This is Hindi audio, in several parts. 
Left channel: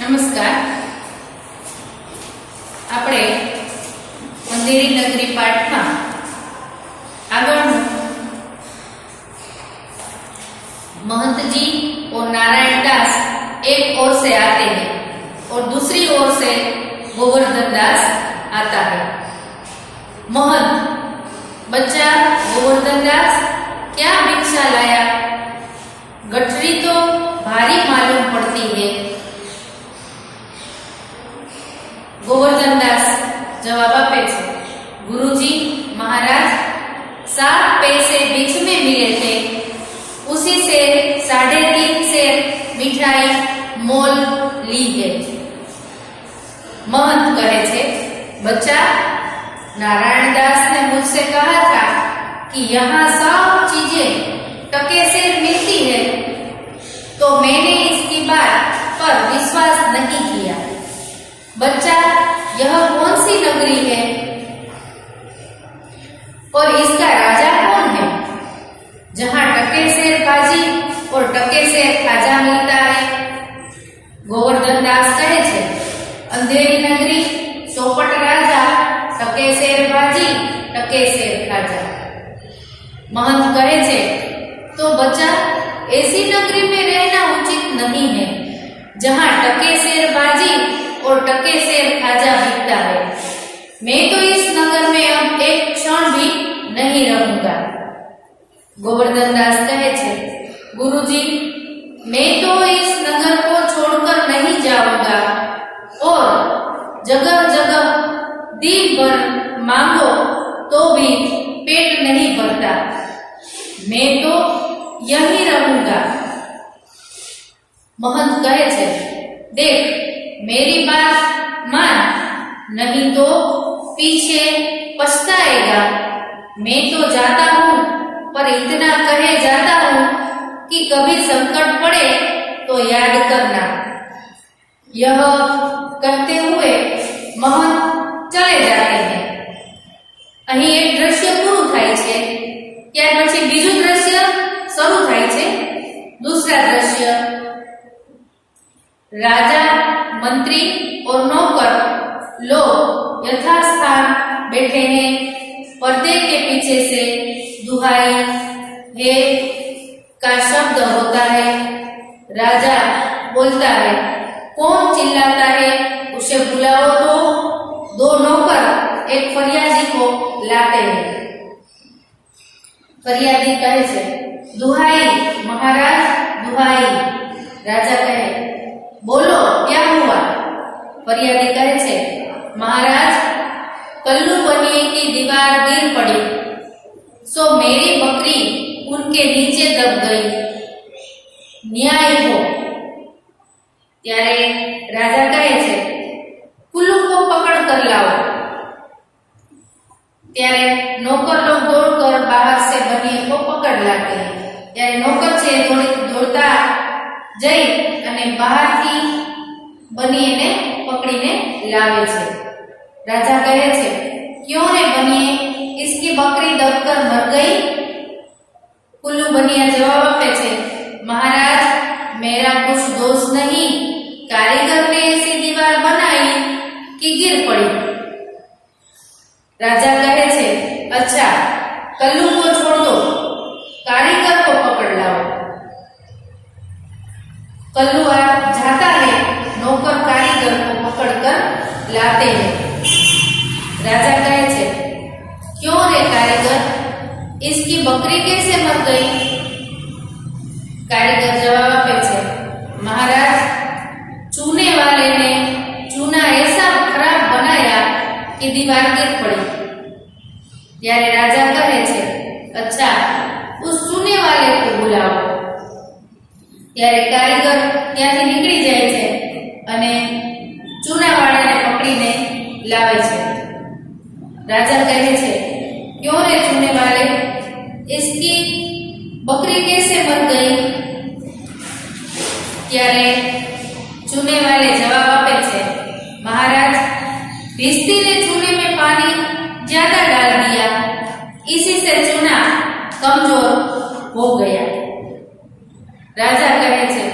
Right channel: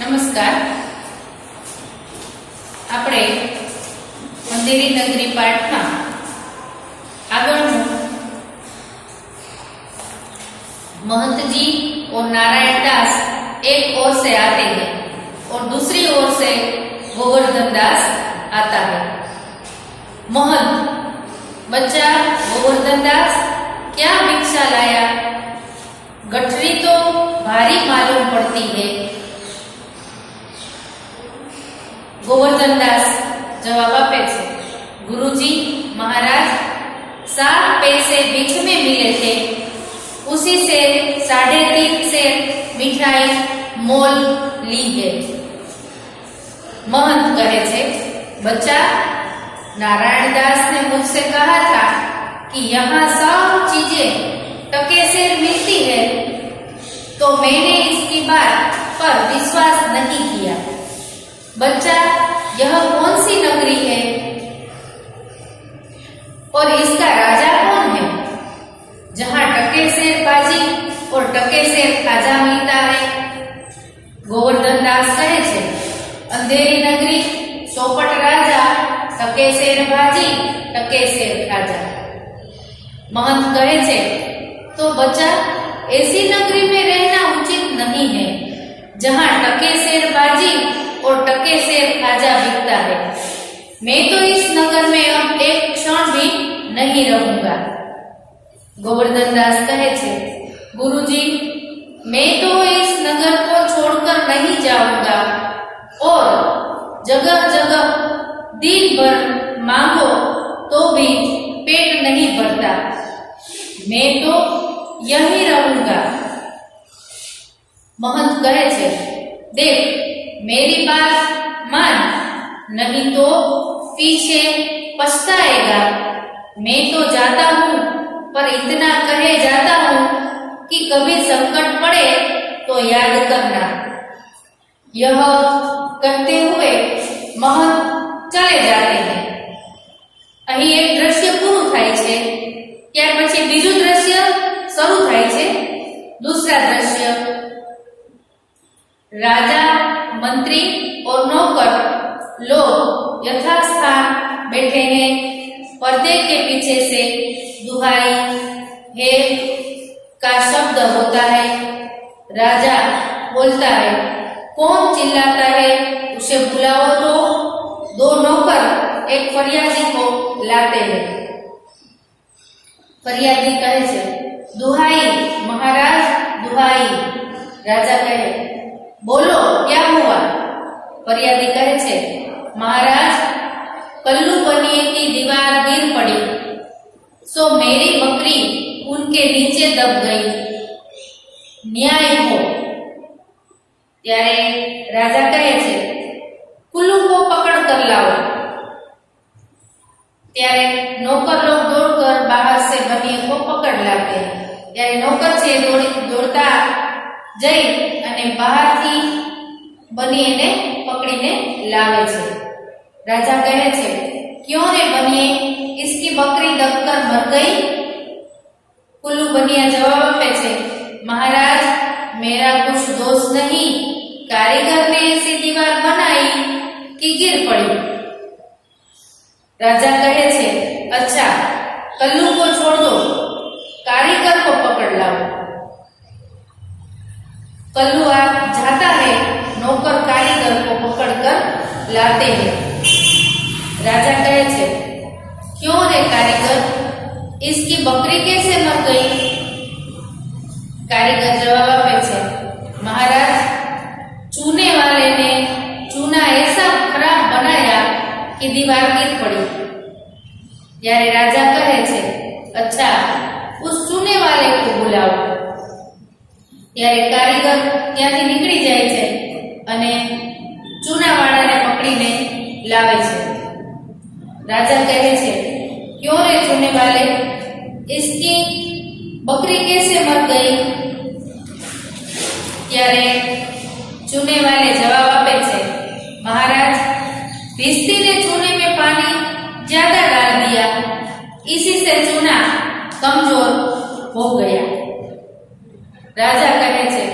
નમસ્કાર. આપણે અંધેરી નગરી પાઠમાં આગળનું महंत जी और नारायण दास एक ओर से आते हैं और दूसरी ओर से गोवर्धन दास आता है. महंत, बच्चा गोवर्धन दास क्या भिक्षा लाया? गठरी तो भारी मालूम पड़ती है. गोवर्धन दास जवाब आपे छे, गुरुजी महाराज 7 पैसे भिक्ष में मिले थे, उसी से 3.5 सेर मिठाई मोल ली है. महंत कहे छे, बच्चा नारायण दास ने मुझसे कहा था कि यहाँ सब चीजें टके से मिलती है, तो मैंने इसकी बात पर विश्वास नहीं किया. बच्चा, यह कौन सी नगरी है और इसका राजा कौन है जहाँ टके सेर बाजी और टके सेर खाजा मिलता है? गोवर्धन दास कहे छे, अंधेरी नगरी, चौपट राजा, टके सेर बाजी, टके सेर खाजा. महंत कहे छे, तो बच्चा ऐसी नगरी में रहना उचित नहीं है जहाँ टके सेर बाजी और टके सेर खाजा बिकता है. मैं तो इस नगर में अब एक क्षण भी नहीं रहूंगा. गोवर्धन दास कहे छे, गुरुजी मैं तो इस नगर को छोड़कर नहीं जाऊंगा और जगह जगह दिन भर मांगो तो भी पेट नहीं भरता. मैं तो यहीं रहूंगा. महंत कहे छे, देख मेरी बात मान, नहीं तो पीछे पछताएगा. मैं तो जाता हूँ, पर इतना कहे जाता हूँ कि कभी संकट पड़े तो याद करना. यह कहते हुए महंत चले जाते हैं. અહીં એક દ્રશ્ય પૂરું થાય છે, ત્યાર પછી બીજું દ્રશ્ય શરૂ થાય છે. दूसरा दृश्य, राजा, मंत्री और नौकर लोग यथास्थान बैठे हैं. पर्दे के पीछे से दुहाई है का शब्द होता है. राजा बोलता है, कौन चिल्लाता है, उसे बुलाओ. तो 2 नौकर एक फरियादी को लाते हैं. फरियादी कहे छे, दुहाई महाराज दुहाई. राजा कहे, बोलो क्या हुआ? फरियादी कहे छे, महाराज कल्लू बनिए की दीवार गिर पड़ी, सो मेरी बकरी उनके नीचे दब गई. न्याय हो. त्यारे राजा कहे छे, कुल्लू को पकड़ कर लाओ. त्यारे नौकर लोग दौड़कर बाहर से बनिए को पकड़ लाते हैं. त्यारे नौकर छे दौड़ता जई अने बहारथी बनिए पकड़ीने लावे छे. राजा कहे छे, क्यों रे बनिए, इसकी बकरी दबकर मर गई? कुल्लू बनिया जवाब आपे छे, महाराज मेरा कुछ दोष नहीं, कारीगर ने ऐसी दीवार बनाई कि गिर पड़ी. राजा कहे छे, अच्छा कल्लू को छोड़ दो, कारीगर को पकड़ लाओ. कल्लू जाता है, नौकर कारीगर को पकड़कर लाते हैं. राजा कहे छे, क्यों रे कारीगर, इसकी बकरी कैसे मर गई? कारीगर जवाब आपे छे, महाराज चूने वाले ने चूना ऐसा खराब बनाया कि दीवार गिर पड़ी. यारे राजा कहे छे, अच्छा उस चूने वाले को बुलाओ. त्यारे कारीगर ત્યાંથી નીકળી જાય છે અને ચૂનાવાળાને પકડીને લાવે છે. राजा कहे छे, क्यों रे चूने वाले, इसकी बकरी कैसे मर गई? त्यारे चूने वाले जवाब आपे छे, महाराज भिस्ती ने चूने में पानी ज्यादा डाल दिया, इसी से चूना कमजोर हो गया. राजा कहे छे,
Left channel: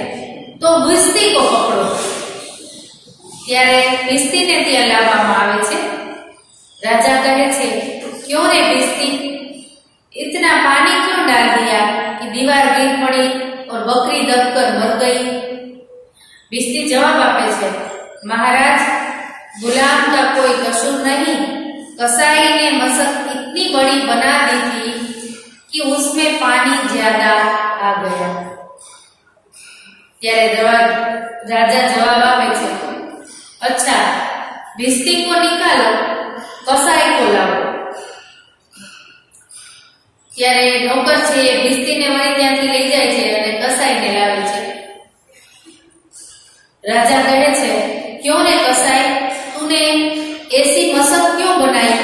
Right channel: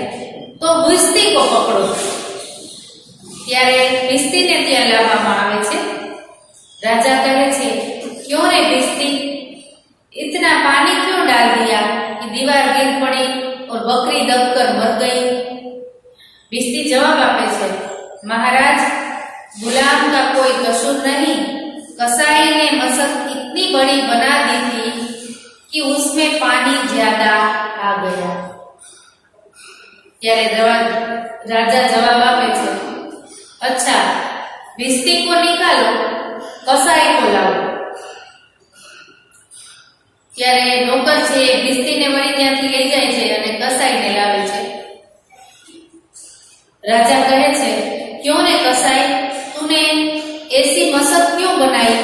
तो भिस्ती को पकड़ो. ત્યારે ભીસ્તીને ત્યાં લાવવામાં આવે છે। राजा कहे छे, क्यों रे भिस्ती, इतना पानी क्यों डाल दिया कि दीवार गिर पड़ी और बकरी दबकर मर गई। भिस्ती जवाब आपे छे, महाराज गुलाम का कोई कसूर नहीं, कसाई ने मशक इतनी बड़ी बना दी थी कि उसमें पानी ज्यादा आ गया। त्यारे राजा जवाब आपे छे, अच्छा भिस्ती को निकालो, कसाई को लाओ। त्यारे नौकर छे भिस्तीने वળી ત્યાંથી લઈ જાય છે અને કસાઈને લાવે છે। राजा कहे छे, क्यों रे कसाई, तूने ऐसी मशक क्यों बनाई।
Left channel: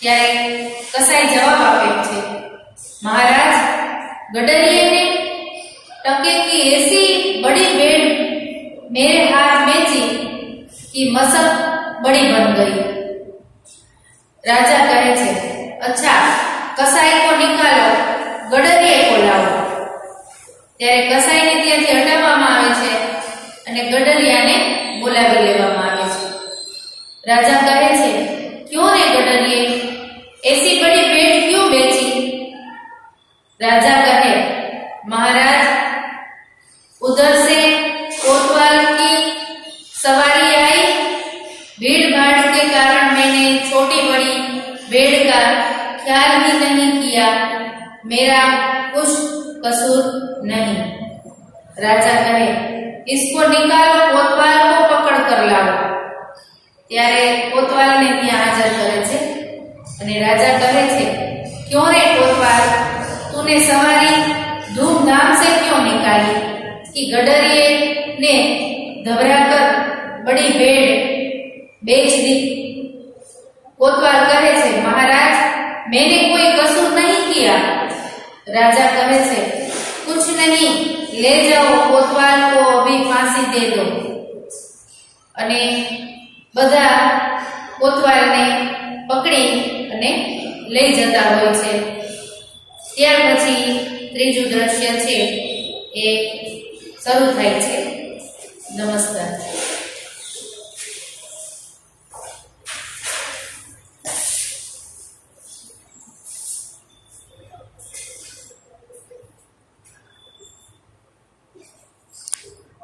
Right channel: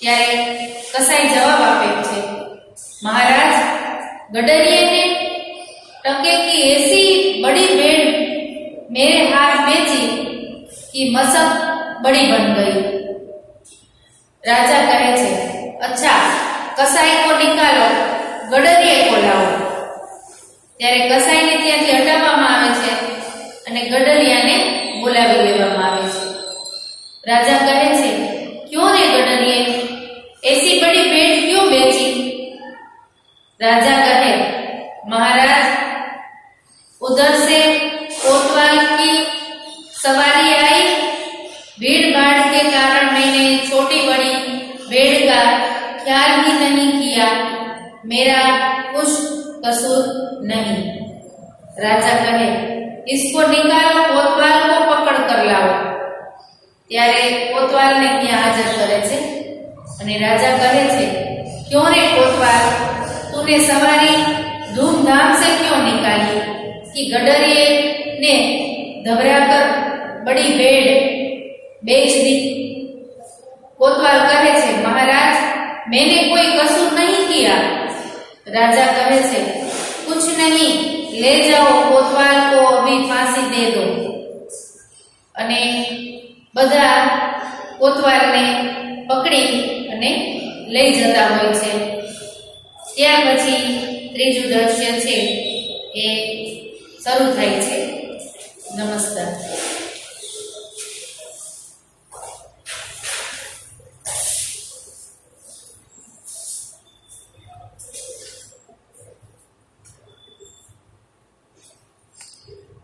त्यारे कसाई जवाब आपे छे, महाराज गडरिये ने टके की ऐसी बड़ी बेड़ मेरे हाथ में थी कि मशक बड़ी बन गई। राजा कहे छे, अच्छा कसाई को निकालो, गडरिये को लाओ। त्यारे कसाई ने ત્યાંથી હટાવવામાં આવે છે અને ગડરિયાને બોલાવી લેવામાં આવે છે। राजा कहे छे, क्यों रे गडरिये, ऐसी बड़ी भेड़ क्यों बेची। राजा कहे, महाराज उधर से कोतवाल की सवारी आई, भीड़ भाड़ के कारण मैंने छोटी बड़ी भेड़ का ख्याल ही नहीं किया, मेरा कुछ कसूर नहीं। राजा कहे, इसको निकालो, कोतवाल को पकड़ कर लाओ। त्यारे कोतवाल ने ત્યાં હાજર કરે છે અને રાજા કહે છે, क्यों रे कोतवाल, तूने सवारी धूमधाम से क्यों निकाली कि गडरिये ने घबराकर बड़ी भेड़ बेच दी। कोतवाल कहे छे, महाराज मैंने कोई कसूर नहीं किया। राजा कहे छे, कुछ नहीं, ले जाओ, कोतवाल को अभी फांसी दे दो। अने बधा कोतवालने पकड़ी अने लई जता होय छे। त्यार पछी त्रीजું દ્રશ્ય છે એ શરૂ થાય છે। नमस्कार।